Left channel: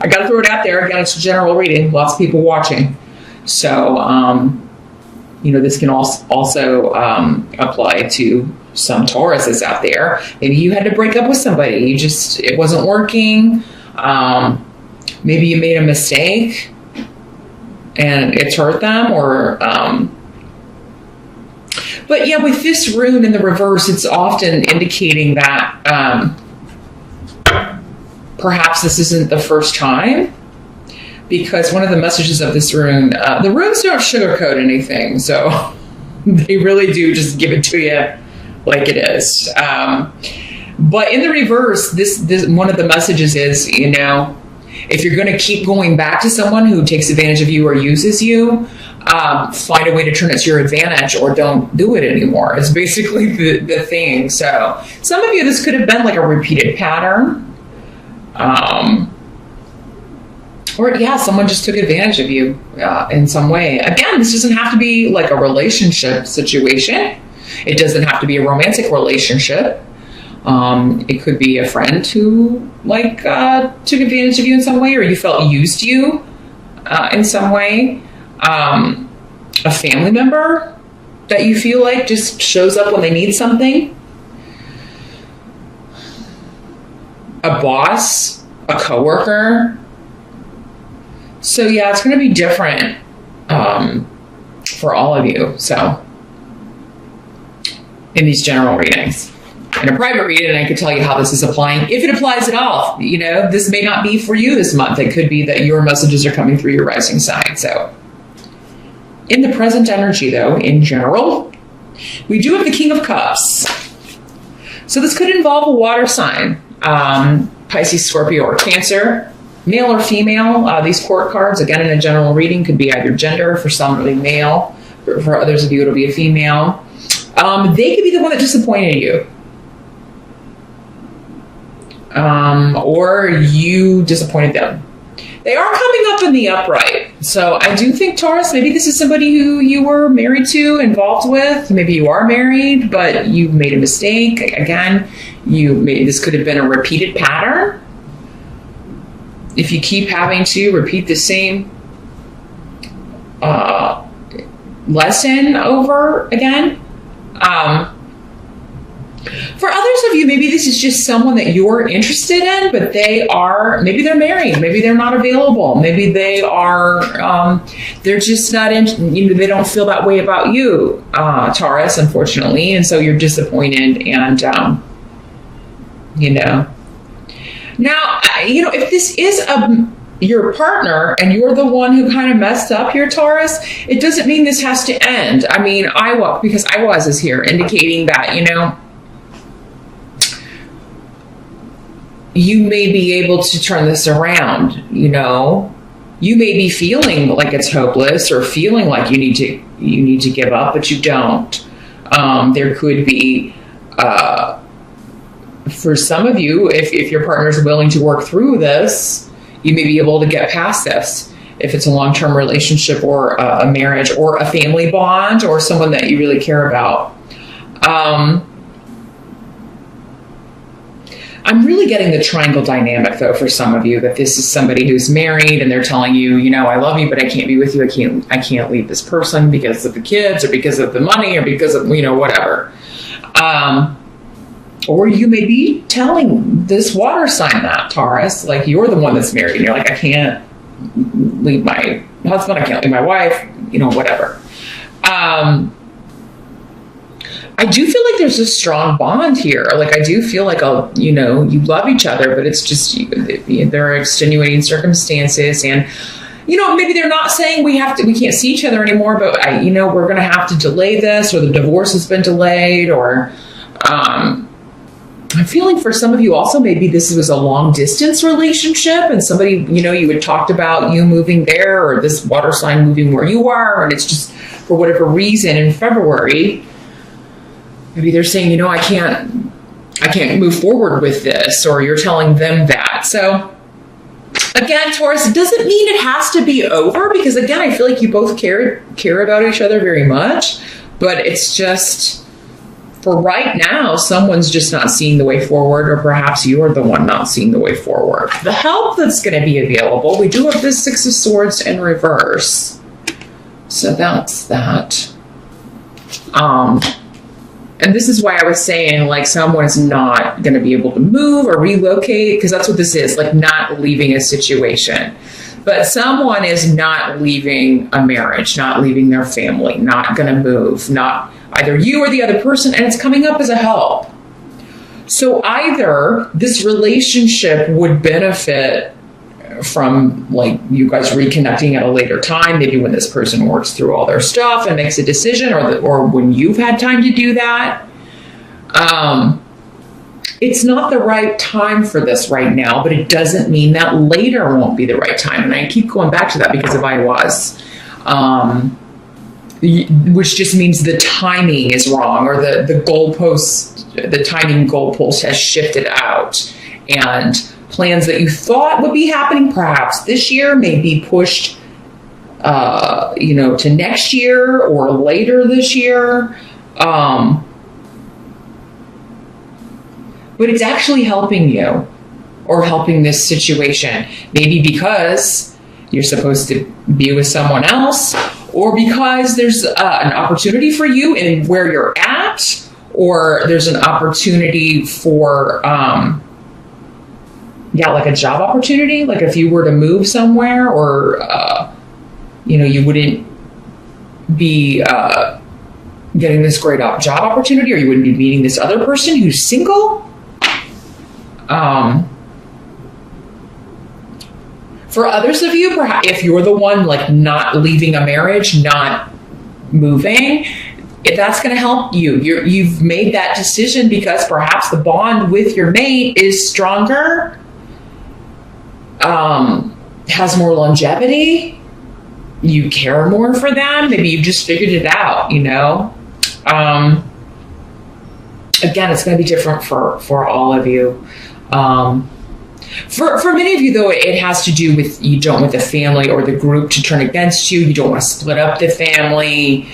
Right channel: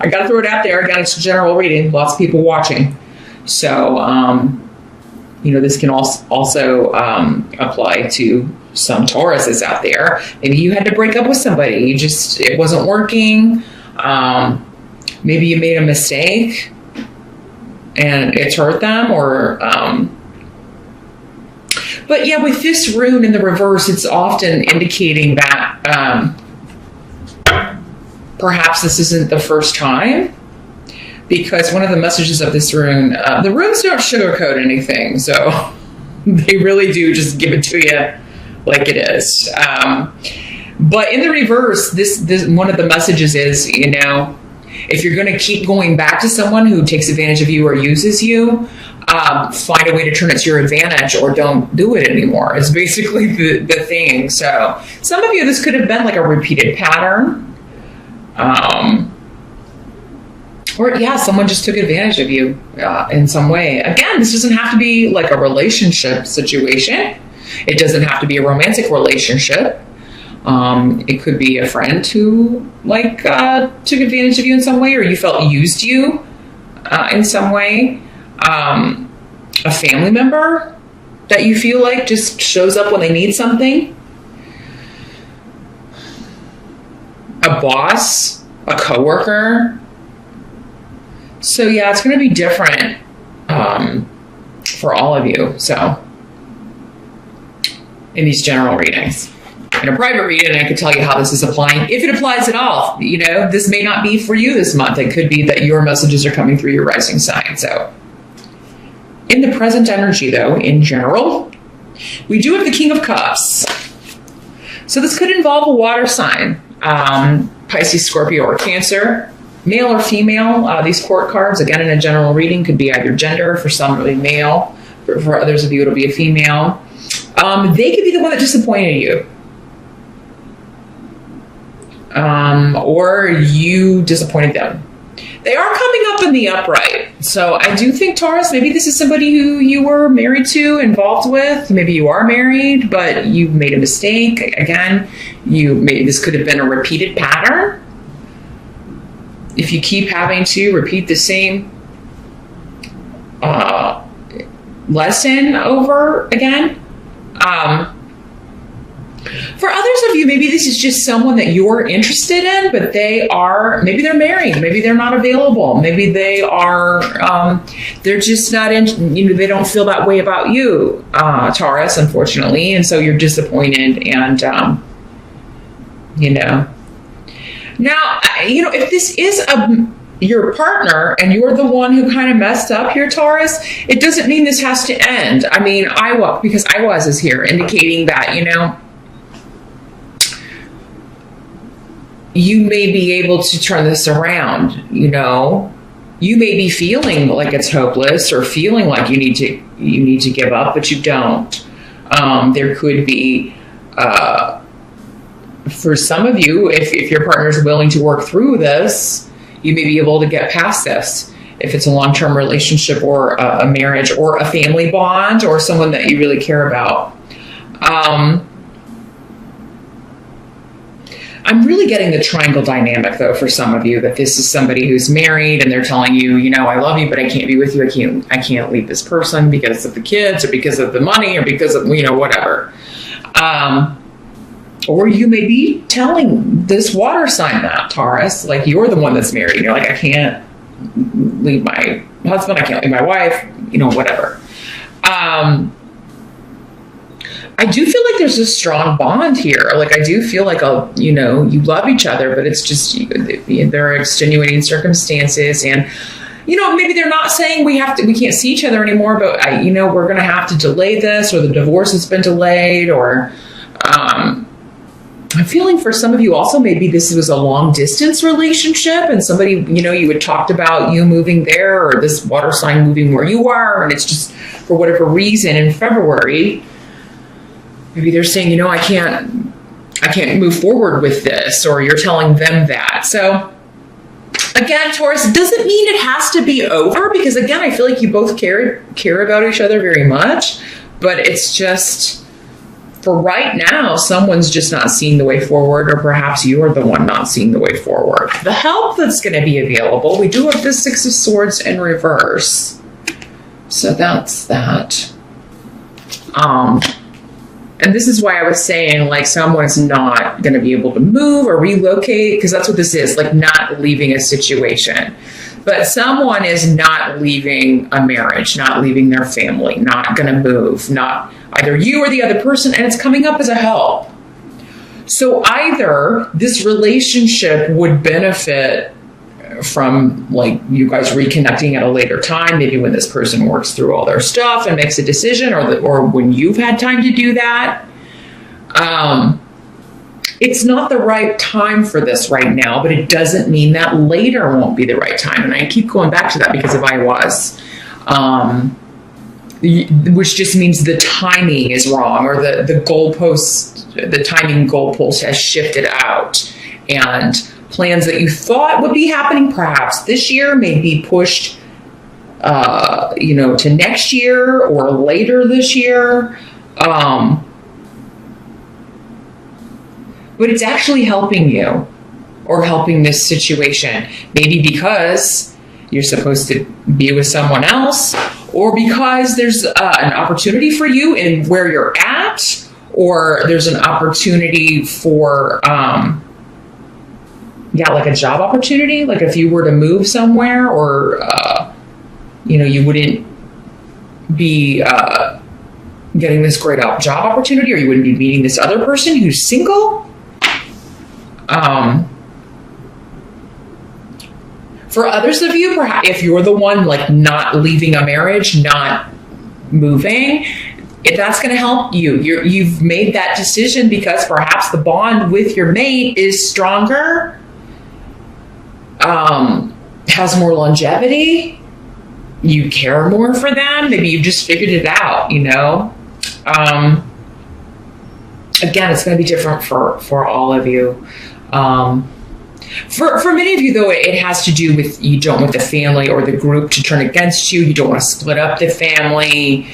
I got to throw it out there. Again, it's a general reading. Lots of people watching. So, this can also apply to some Tauruses out there. Maybe you had to break up with somebody. It wasn't working. Maybe you made a mistake and it's hurt them, but yeah, with this rune in the reverse, it's often indicating that perhaps this isn't the first time, because one of the messages of this rune, the runes don't sugarcoat anything, so they really do just give it to you like it is. But in the reverse, this one of the messages is, if you're going to keep going back to someone who takes advantage of you or uses you, find a way to turn it to your advantage, or don't do it anymore. It's basically the thing. So some of you, this could have been like a repeated pattern. Or someone just took advantage of you in some way. Again, this doesn't have to be like a relationship situation. It doesn't have to be a romantic relationship. It could be a friend who took advantage of you in some way, or you felt used you in some way. A family member that you feel like just shows up when they need something. A boss, a coworker. So it's going to be different for all of you. So in these general readings. In a private reading, I could tell you how this is applying, if it applies at all. This may not be for you this month. It could be that your messages are coming through your rising sign. So in the present energy, though, in general, we do have the King of Cups. So this could involve a water sign, Pisces, Scorpio, or Cancer, male or female. These court cards, again, in a general reading, could be either gender. For somebody, male. For others of you, it'll be a female. They could be the one that disappointed you. Or you disappointed them. They are coming up in the upright. So I do think, Taurus, maybe this is somebody who you were married to, involved with. Maybe you are married, but you made a mistake. Again, this could have been a repeated pattern. If you keep having to repeat the same lesson over again. For others of you, maybe this is just someone that you're interested in, but maybe they're married, maybe they're not available, maybe they are, they're just not they don't feel that way about you, Taurus, unfortunately, and so you're disappointed, and, Now, if this is your partner and you're the one who kind of messed up here, Taurus, it doesn't mean this has to end. I mean, because I is here indicating that, you may be able to turn this around, You may be feeling like it's hopeless or feeling like you need to give up, but you don't. There could be, for some of you, if your partner is willing to work through this, you may be able to get past this. If it's a long-term relationship or a marriage or a family bond or someone that you really care about. I'm really getting the triangle dynamic, though, for some of you, that this is somebody who's married and they're telling you, I love you, but I can't be with you. I can't leave this person because of the kids or because of the money or because of, whatever. Or you may be telling this water sign that, Taurus, like you're the one that's married. And you're like, I can't leave my husband. I can't leave my wife, whatever. I do feel like there's a strong bond here. Like, I do feel like, you love each other, but it's just, there are extenuating circumstances. And, maybe they're not saying we can't see each other anymore, but we're going to have to delay this, or the divorce has been delayed, or, I'm feeling for some of you also, maybe this was a long distance relationship and somebody, you had talked about you moving there or this water sign moving where you are. And it's just for whatever reason in February, maybe they're saying, I can't move forward with this, or you're telling them that. So again, Taurus, it doesn't mean it has to be over, because again, I feel like you both care about each other very much, but it's just, for right now, someone's just not seeing the way forward, or perhaps you are the one not seeing the way forward. The help that's going to be available, we do have the Six of Swords in reverse. So that's that. And this is why I was saying, like, someone's not going to be able to move or relocate, because that's what this is, like, not leaving a situation. But someone is not leaving a marriage, not leaving their family, not going to move, not either you or the other person, and it's coming up as a help. So either this relationship would benefit from, like, you guys reconnecting at a later time, maybe when this person works through all their stuff and makes a decision, or when you've had time to do that. It's not the right time for this right now, but it doesn't mean that later won't be the right time. And I keep going back to that because of I was. Which just means the timing is wrong, or the goalpost, the timing goalpost has shifted out, and plans that you thought would be happening perhaps this year may be pushed, to next year or later this year. But it's actually helping you, or helping this situation, maybe because you're supposed to be with someone else, or because there's an opportunity for you in where you're at, or there's an opportunity for, like a job opportunity. Like if you were to move somewhere, or, you wouldn't be getting this great job opportunity, or you wouldn't be meeting this other person who's single. For others of you, perhaps if you're the one like not leaving a marriage, not moving, if that's going to help you, you've made that decision because perhaps the bond with your mate is stronger, has more longevity, you care more for them, maybe you just figured it out, Again, it's going to be different for all of you. For many of you, though, it has to do with you don't want the family or the group to turn against you. You don't want to split up the family.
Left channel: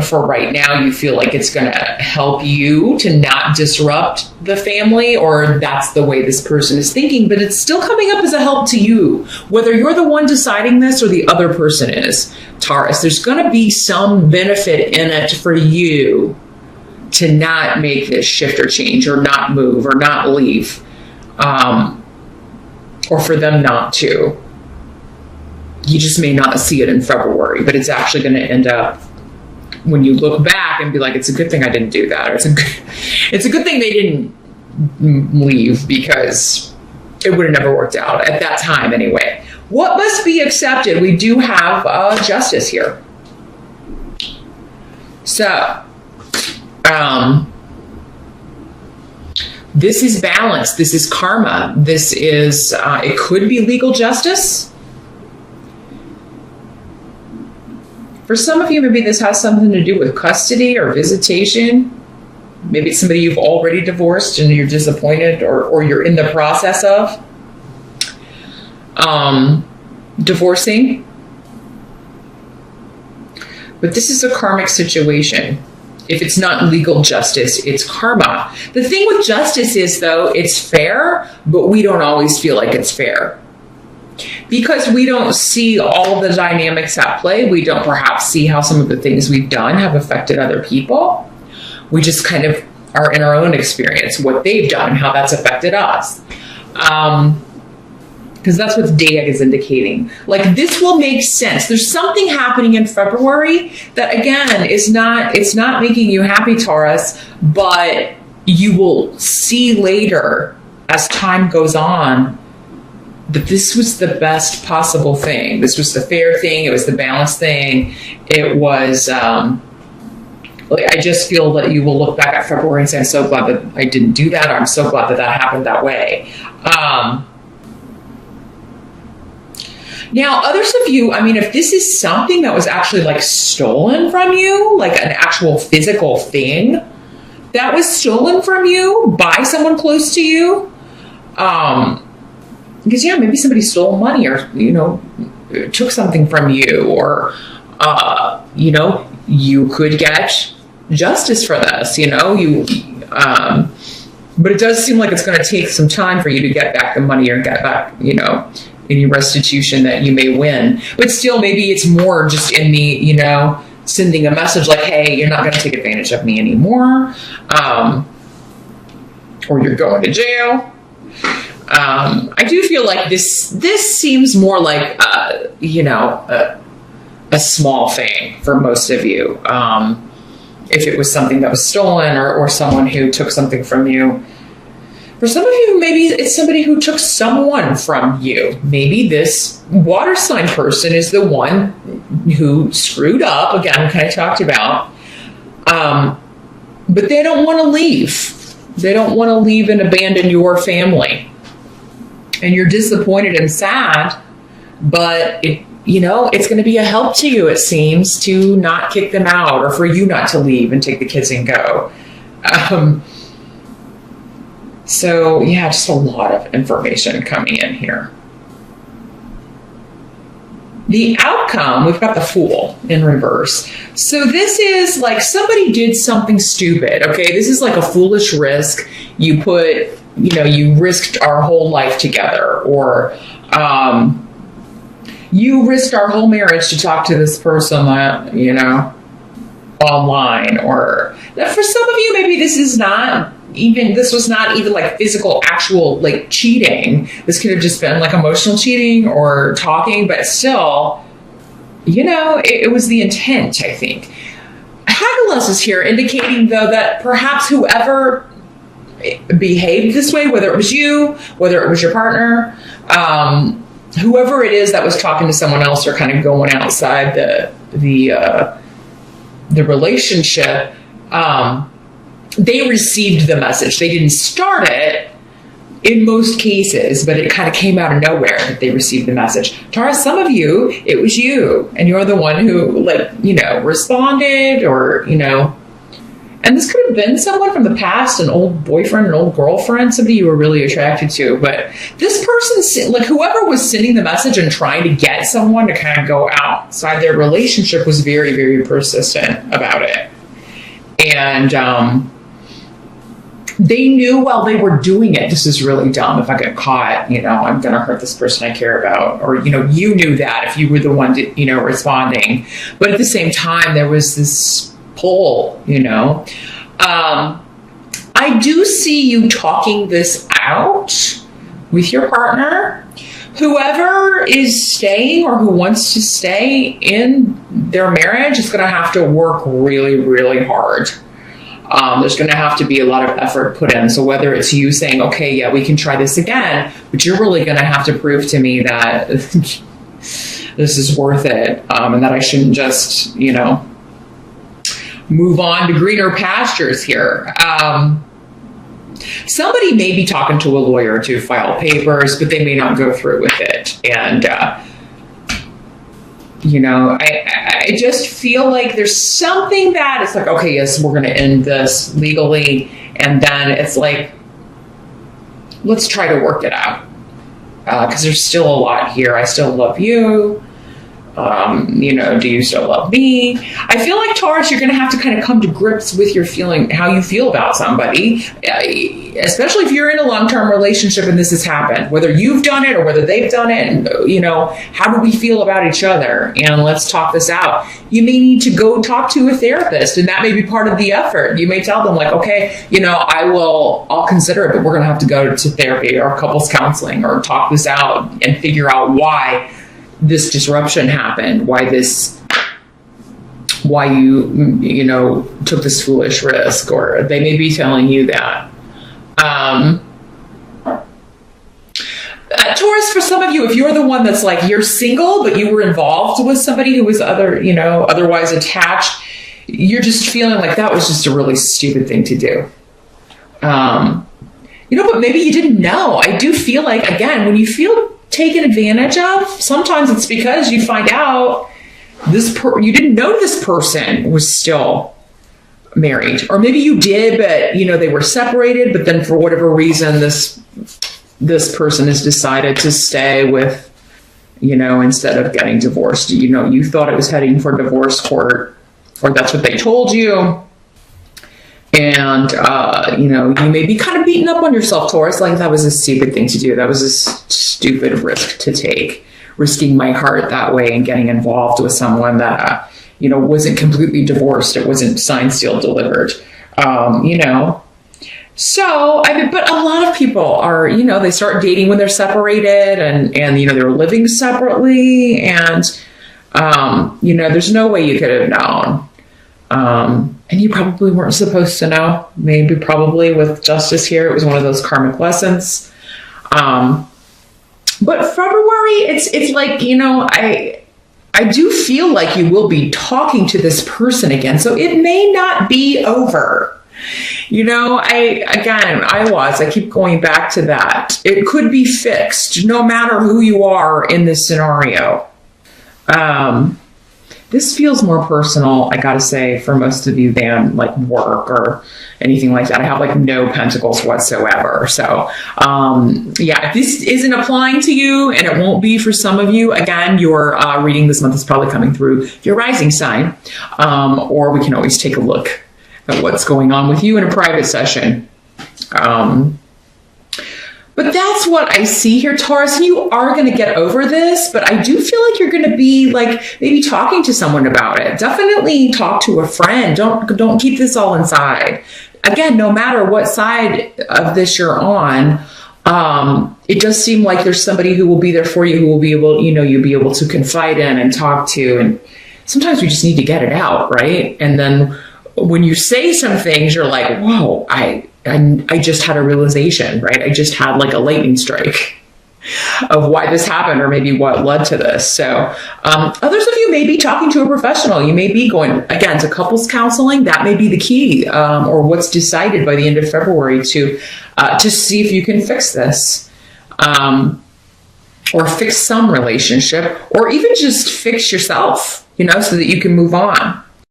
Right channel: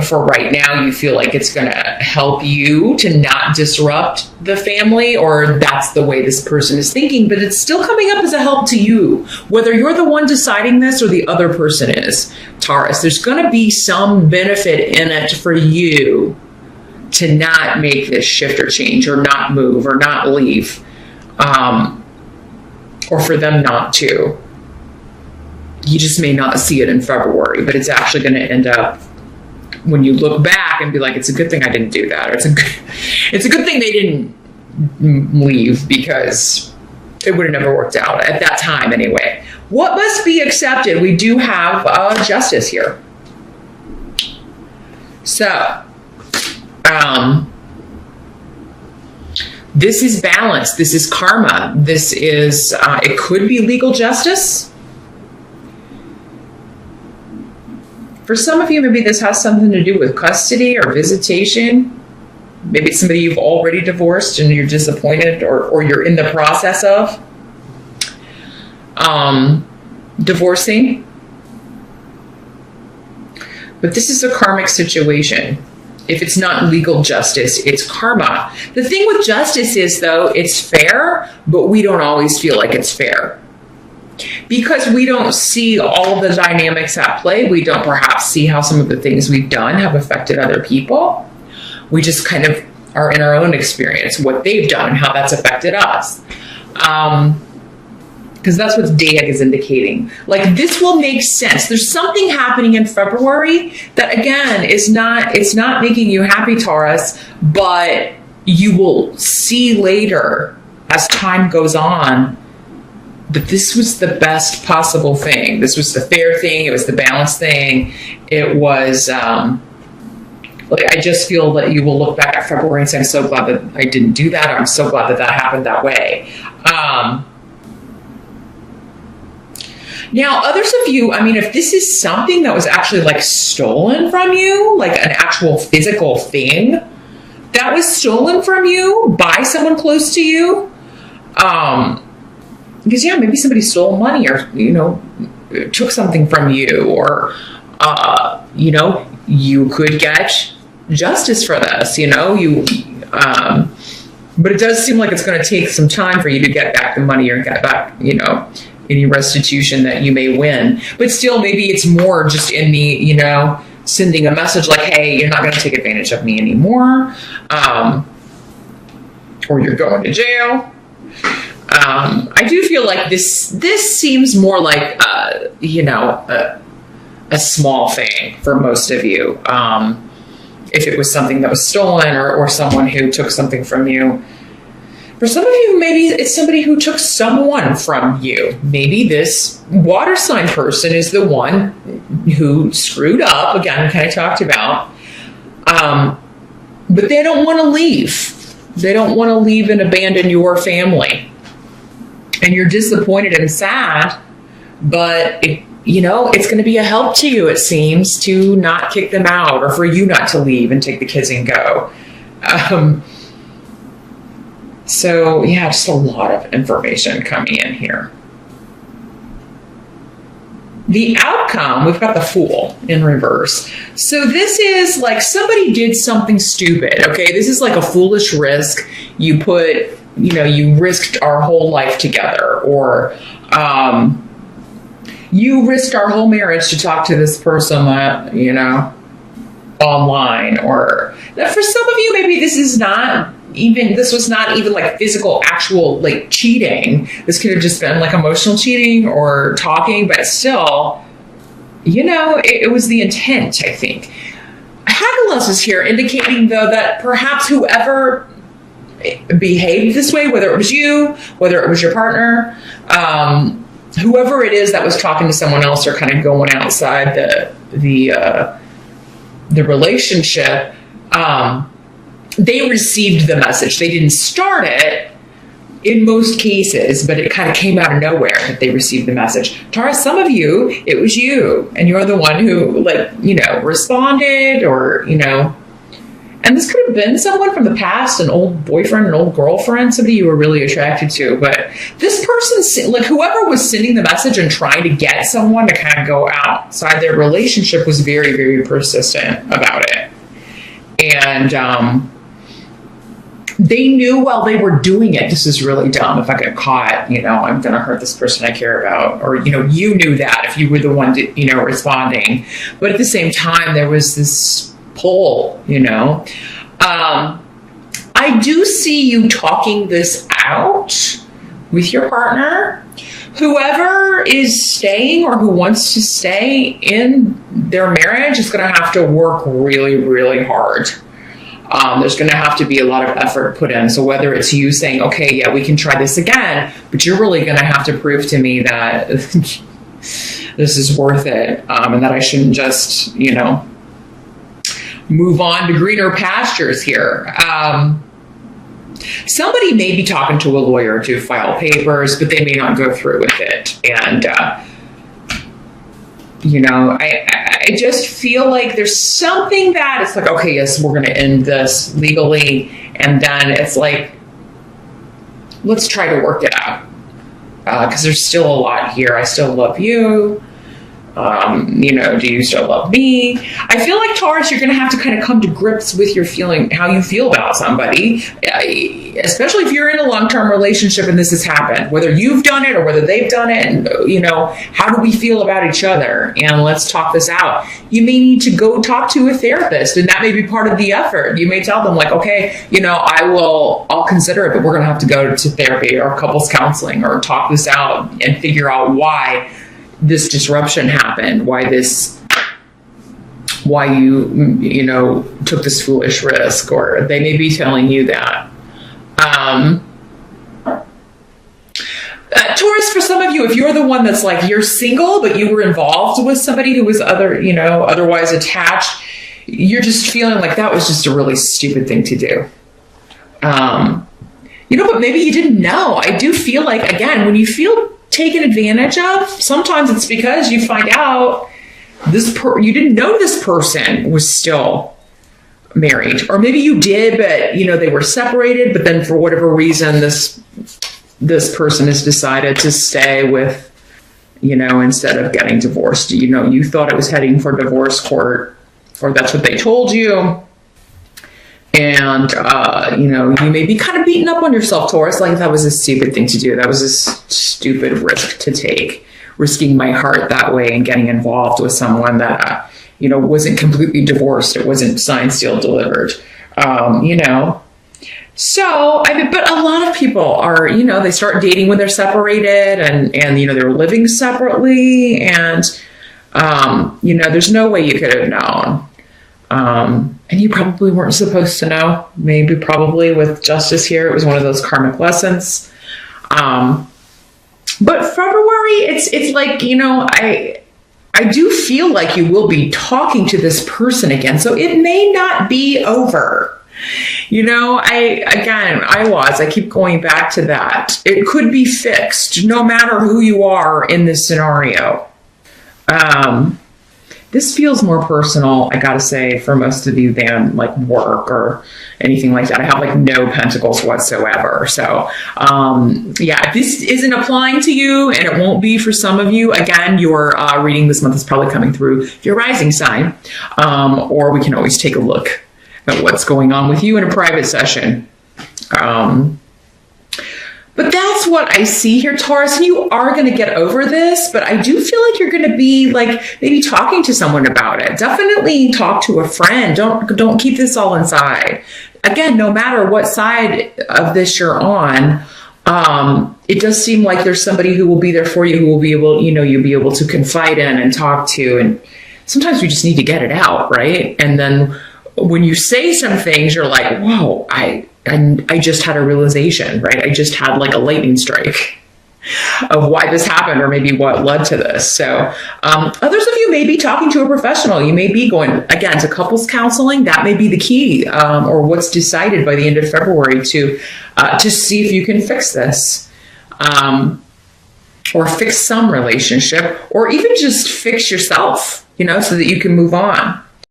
For right now, you feel like it's going to help you to not disrupt the family, or that's the way this person is thinking, but it's still coming up as a help to you, whether you're the one deciding this or the other person is. Taurus, there's going to be some benefit in it for you to not make this shift or change, or not move, or not leave, or for them not to. You just may not see it in February, but it's actually going to end up when you look back and be like, it's a good thing I didn't do that, or it's a good thing they didn't leave, because it would have never worked out at that time anyway. What must be accepted? We do have justice here. So, this is balance. This is karma. This is, it could be legal justice. For some of you, maybe this has something to do with custody or visitation. Maybe it's somebody you've already divorced and you're disappointed, or you're in the process of divorcing. But this is a karmic situation. If it's not legal justice, it's karma. The thing with justice is, though, it's fair, but we don't always feel like it's fair. Because we don't see all the dynamics at play. We don't perhaps see how some of the things we've done have affected other people. We just kind of are in our own experience, what they've done, how that's affected us. Because that's what Dayak is indicating. Like, this will make sense. There's something happening in February that, again, it's not making you happy, Taurus, but you will see later as time goes on that this was the best possible thing. This was the fair thing. It was the balanced thing. It was, I just feel that you will look back at February and say, I'm so glad that I didn't do that. Or I'm so glad that that happened that way. Now, others of you, if this is something that was actually like stolen from you, like an actual physical thing that was stolen from you by someone close to you, because maybe somebody stole money, or, took something from you, or, you could get justice for this, but it does seem like it's going to take some time for you to get back the money or get back, any restitution that you may win. But still, maybe it's more just in the, sending a message like, hey, you're not going to take advantage of me anymore, or you're going to jail. I do feel like this seems more like, a small thing for most of you. If it was something that was stolen or someone who took something from you. For some of you, maybe it's somebody who took someone from you. Maybe this water sign person is the one who screwed up, again, kind of talked about, but they don't want to leave. They don't want to leave and abandon your family. And you're disappointed and sad, but it's going to be a help to you, it seems, to not kick them out or for you not to leave and take the kids and go. So, yeah, just a lot of information coming in here. The outcome, we've got the Fool in reverse. So this is like somebody did something stupid, okay? This is like a foolish risk. You put, you risked our whole life together, or you risked our whole marriage to talk to this person, online. Or for some of you, maybe this was not even like physical, actual, like cheating. This could have just been like emotional cheating or talking, but still, it was the intent, I think. Hagalus is here indicating, though, that perhaps whoever behaved this way, whether it was you, whether it was your partner, whoever it is that was talking to someone else or kind of going outside the relationship, they received the message. They didn't start it in most cases, but it kind of came out of nowhere that they received the message. Taurus, some of you, it was you, and you're the one who, responded, or, and this could have been someone from the past, an old boyfriend, an old girlfriend, somebody you were really attracted to. But this person, whoever was sending the message and trying to get someone to kind of go outside their relationship, was very, very persistent about it. And they knew while they were doing it, this is really dumb. If I get caught, I'm going to hurt this person I care about. Or, you knew that if you were the one, responding. But at the same time, there was this pull, I do see you talking this out with your partner. Whoever is staying or who wants to stay in their marriage is going to have to work really, really hard. There's going to have to be a lot of effort put in. So whether it's you saying, okay, yeah, we can try this again, but you're really going to have to prove to me that this is worth it, and that I shouldn't just, move on to greener pastures here. Somebody may be talking to a lawyer to file papers, but they may not go through with it. And, I just feel like there's something that it's like, okay, yes, we're going to end this legally. And then it's like, let's try to work it out. Because there's still a lot here. I still love you. Do you still love me? I feel like, Taurus, you're going to have to kind of come to grips with your feeling, how you feel about somebody, especially if you're in a long-term relationship and this has happened, whether you've done it or whether they've done it. And, how do we feel about each other? And let's talk this out. You may need to go talk to a therapist, and that may be part of the effort. You may tell them, like, okay, I'll consider it, but we're going to have to go to therapy or couples counseling or talk this out and figure out why this disruption happened, why you took this foolish risk, or they may be telling you that. Taurus, for some of you, if you're the one that's like, you're single, but you were involved with somebody who was otherwise attached, you're just feeling like that was just a really stupid thing to do. But maybe you didn't know. I do feel like, again, when you feel taken advantage of, sometimes it's because you find out you didn't know this person was still married, or maybe you did, but they were separated, but then for whatever reason this person has decided to stay with, instead of getting divorced. You thought it was heading for divorce court, or that's what they told you. And, you know, you may be kind of beating up on yourself, Taurus, like that was a stupid thing to do. That was a stupid risk to take, risking my heart that way and getting involved with someone that, you know, wasn't completely divorced. It wasn't signed, sealed, delivered, you know. So, but a lot of people are, you know, they start dating when they're separated and you know, they're living separately. And, you know, there's no way you could have known. And you probably weren't supposed to know. Maybe probably with justice here, it was one of those karmic lessons. But February, it's like, you know, I do feel like you will be talking to this person again. So it may not be over. You know, I keep going back to that. It could be fixed no matter who you are in this scenario. This feels more personal, I gotta say, for most of you than like work or anything like that. I have like no pentacles whatsoever. So, yeah, if this isn't applying to you, and it won't be for some of you, again, your reading this month is probably coming through your rising sign, or we can always take a look at what's going on with you in a private session. But that's what I see here, Taurus. You are going to get over this, but I do feel like you're going to be like maybe talking to someone about it. Definitely talk to a friend. Don't keep this all inside. Again, no matter what side of this you're on, it does seem like there's somebody who will be there for you, who will be able, you know, you'll be able to confide in and talk to. And sometimes we just need to get it out, right? And then when you say some things, you're like, whoa, I just had a realization, right? I just had like a lightning strike of why this happened, or maybe what led to this. So others of you may be talking to a professional. You may be going, again, to couples counseling. That may be the key, or what's decided by the end of February to see if you can fix this, or fix some relationship, or even just fix yourself, you know, so that you can move on.